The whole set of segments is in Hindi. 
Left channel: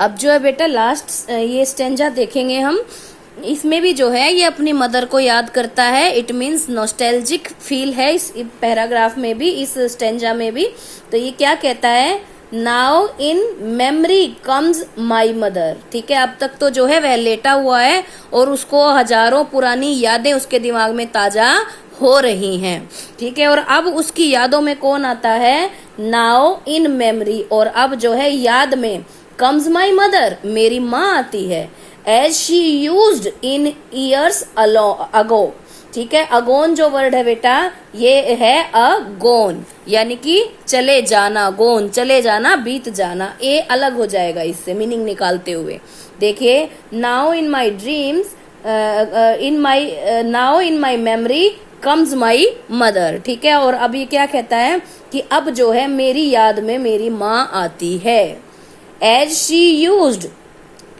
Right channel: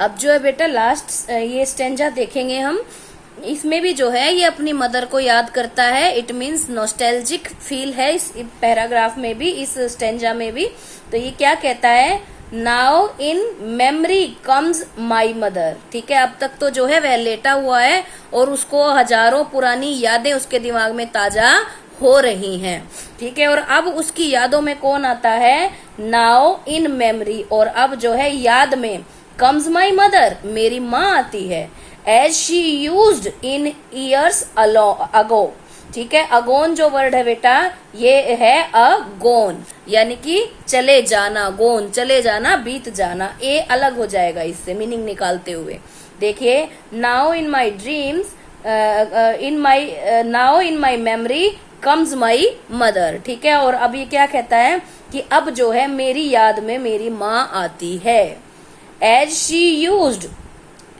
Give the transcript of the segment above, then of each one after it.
अब जो है बेटा लास्ट ये स्टेंजा देखेंगे हम। इसमें भी जो है ये अपनी मदर को याद करता है। इट मीन्स नॉस्टैल्जिक फील है इस पैराग्राफ में भी, इस स्टेंजा में भी। तो ये क्या कहता है, now in memory comes my mother. ठीक है, अब तक तो जो है वह लेटा हुआ है और उसको हजारों पुरानी यादें उसके दिमाग में ताजा हो रही हैं। ठीक है, और अब उसकी यादों में कौन आता है, नाउ इन मेमोरी, और अब जो है याद में कम्स माई मदर, मेरी माँ आती है। As she used in years ago. ठीक है, अगोन जो वर्ड है बेटा ये है अगोन, यानी कि चले जाना, गोन चले जाना, बीत जाना। ए अलग हो जाएगा इससे मीनिंग निकालते हुए। देखिए, now in my dreams, now in my memory comes my mother. ठीक है, और अब ये क्या कहता है कि अब जो है मेरी याद में मेरी माँ आती है। एज शी यूज्ड,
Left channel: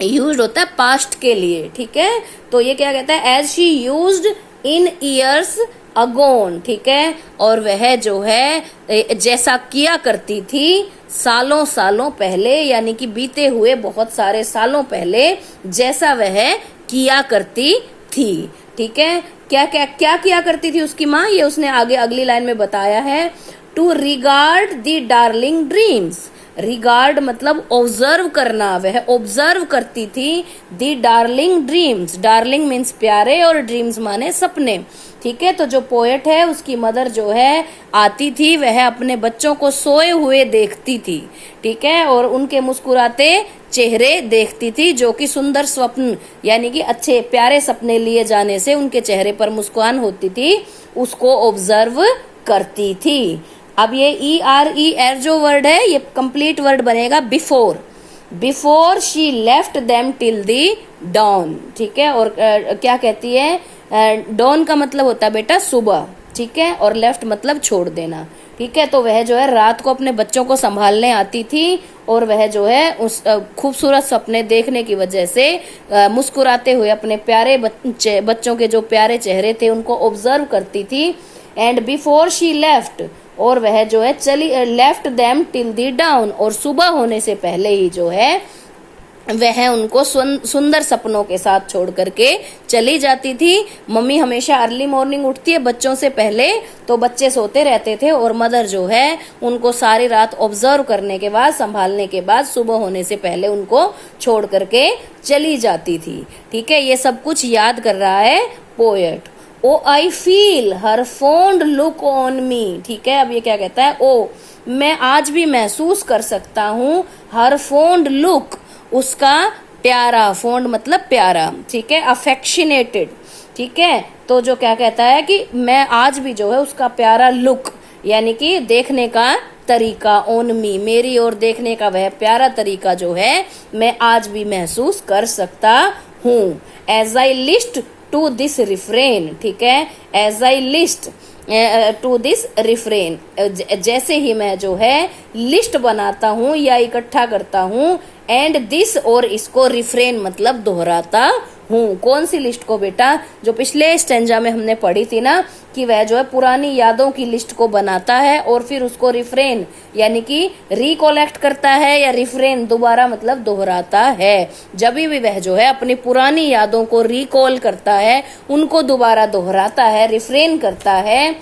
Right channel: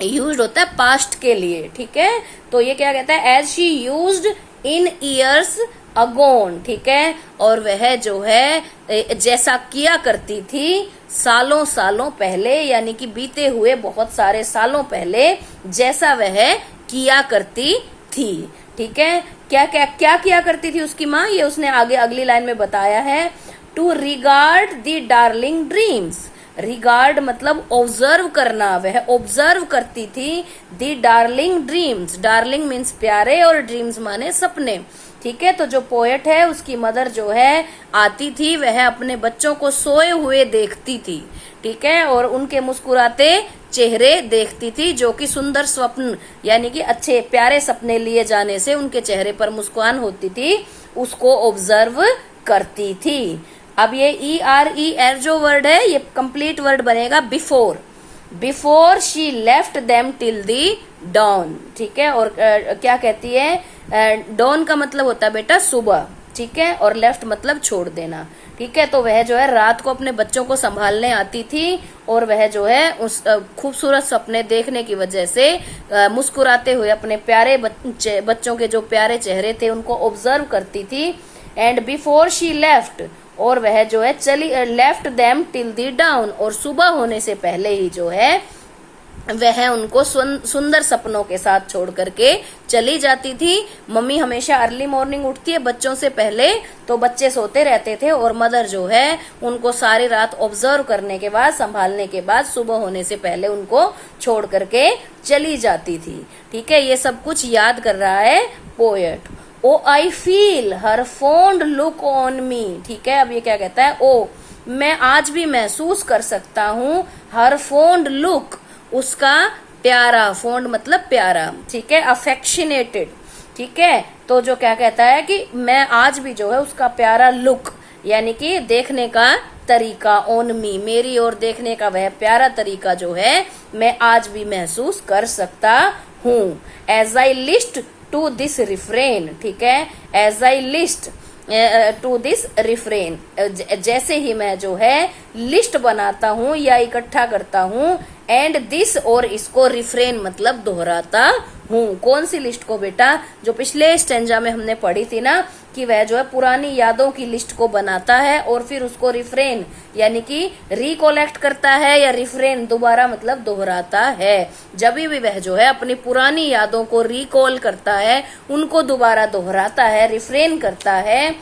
यूज्ड होता है पास्ट के लिए। ठीक है, तो ये क्या कहता है, as she used in years ago. ठीक है, और वह जो है जैसा किया करती थी सालों सालों पहले, यानी कि बीते हुए बहुत सारे सालों पहले जैसा वह किया करती थी। ठीक है, क्या क्या क्या किया करती थी उसकी माँ, ये उसने आगे अगली लाइन में बताया है। To regard the darling dreams, regard मतलब ऑब्जर्व करना, वह ऑब्जर्व करती थी the darling dreams. Darling means प्यारे और ड्रीम्स माने सपने। ठीक है, तो जो पोएट है उसकी मदर जो है आती थी, वह अपने बच्चों को सोए हुए देखती थी। ठीक है, और उनके मुस्कुराते चेहरे देखती थी, जो कि सुंदर स्वप्न यानी कि अच्छे प्यारे सपने लिए जाने से उनके चेहरे पर मुस्कान होती थी, उसको ऑब्जर्व करती थी। अब ये ER जो वर्ड है ये कंप्लीट वर्ड बनेगा before. Before she left them till the dawn. ठीक है, और क्या कहती है, डॉन का मतलब होता है बेटा सुबह। ठीक है, और लेफ्ट मतलब छोड़ देना। ठीक है, तो वह जो है रात को अपने बच्चों को संभालने आती थी और वह जो है उस खूबसूरत सपने देखने की वजह से मुस्कुराते हुए अपने प्यारे बच्चों के जो प्यारे चेहरे थे उनको ऑब्जर्व करती थी। एंड बिफोर शी लेफ्ट, और वह जो है चली लेफ्ट देम टिल दी डाउन, और सुबह होने से पहले ही जो है वह उनको सुंदर सपनों के साथ छोड़ करके चली जाती थी। मम्मी हमेशा अर्ली मॉर्निंग उठती है बच्चों से पहले, तो बच्चे सोते रहते थे और मदर जो है उनको सारी रात ऑब्जर्व करने के बाद, संभालने के बाद सुबह होने से पहले उनको छोड़ करके चली जाती थी। ठीक है, ये सब कुछ याद कर रहा है poet. O I feel her fond look on me. ठीक है, अब ये क्या कहता है, ओ मैं आज भी महसूस कर सकता हूँ हर फॉन्ड लुक, उसका प्यारा, फॉन्ड मतलब प्यारा। ठीक है, अफेक्शनेटेड। ठीक है, तो जो क्या कहता है कि मैं आज भी जो है उसका प्यारा लुक यानी कि देखने का तरीका, ऑन मी मेरी ओर देखने का वह प्यारा तरीका जो है मैं आज भी महसूस कर सकता हूँ। As I list to this refrain. ठीक है, as I list to this refrain, जैसे ही मैं जो है लिस्ट बनाता हूँ या इकट्ठा करता हूँ, एंड दिस और इसको रिफ्रेन मतलब दोहराता हूँ। कौन सी लिस्ट को बेटा, जो पिछले स्टेंजा में हमने पढ़ी थी ना कि वह जो है पुरानी यादों की लिस्ट को बनाता है और फिर उसको रिफ्रेन यानी कि रिकोलेक्ट करता है, या रिफ्रेन दोबारा मतलब दोहराता है। जब भी वह जो है अपनी पुरानी यादों को रिकॉल करता है, उनको दोबारा दोहराता है, रिफ्रेन करता है,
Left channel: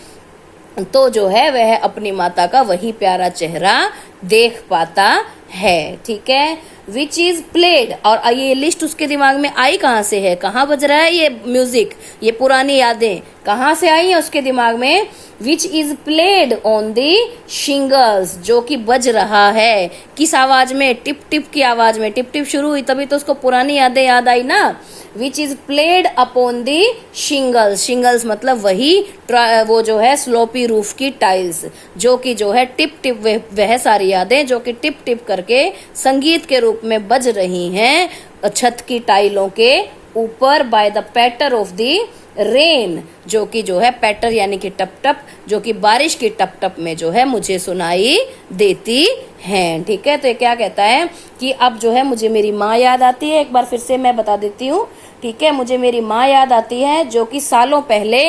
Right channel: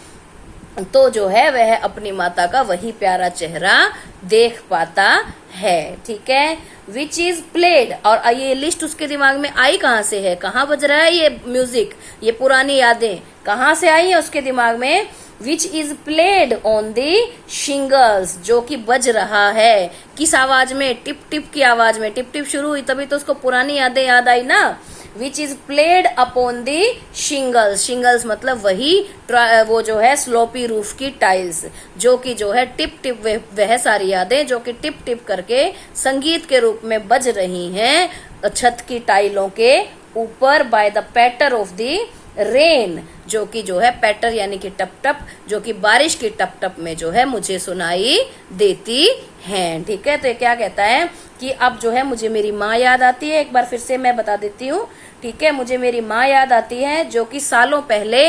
तो जो है वह अपनी माता का वही प्यारा चेहरा देख पाता है। ठीक है, विच इज प्लेड, और ये लिस्ट उसके दिमाग में आई कहाँ से है, कहाँ बज रहा है ये म्यूजिक, ये पुरानी यादें कहाँ से आई है उसके दिमाग में। Which is played on the shingles, जो कि बज रहा है किस आवाज में, टिप टिप की आवाज में। टिप टिप शुरू हुई तभी तो उसको पुरानी यादें याद आई ना। Which is played upon the shingles, shingles मतलब वही वो जो है स्लोपी रूफ की टाइल्स, जो कि जो है टिप टिप वह सारी यादें जो कि टिप टिप करके संगीत के रूप में बज रही हैं छत की टाइलों के ऊपर। By the patter of the rain, जो कि जो है पैटर यानी कि टप टप, जो कि बारिश की टप टप में जो है मुझे सुनाई देती हैं। ठीक है, तो ये क्या कहता है कि अब जो है मुझे मेरी माँ याद आती है। एक बार फिर से मैं बता देती हूँ ठीक है, मुझे मेरी माँ याद आती है जो कि सालों पहले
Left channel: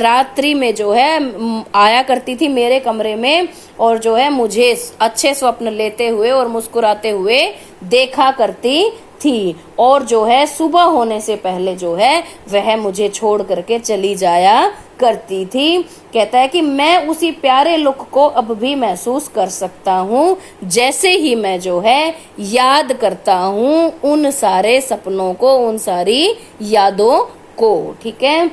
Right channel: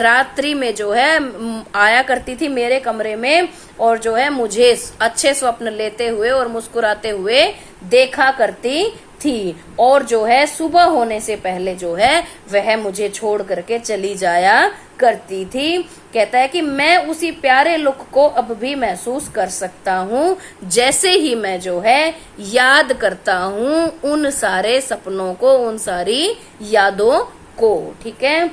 रात्रि में जो है आया करती थी मेरे कमरे में और जो है मुझे अच्छे स्वप्न लेते हुए और मुस्कुराते हुए देखा करती थी, और जो है सुबह होने से पहले जो है वह मुझे छोड़ करके चली जाया करती थी। कहता है कि मैं उसी प्यारे लुक को अब भी महसूस कर सकता हूँ जैसे ही मैं जो है याद करता हूँ उन सारे सपनों को, उन सारी यादों को। ठीक है,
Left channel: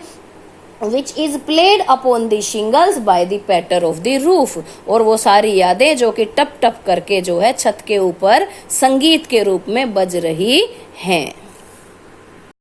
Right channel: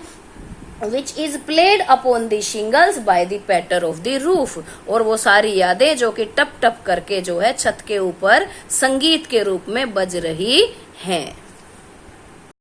which is played upon the shingles by the patter of the roof, और वो सारी यादें जो कि टप टप करके जो है छत के ऊपर संगीत के रूप में बज रही हैं।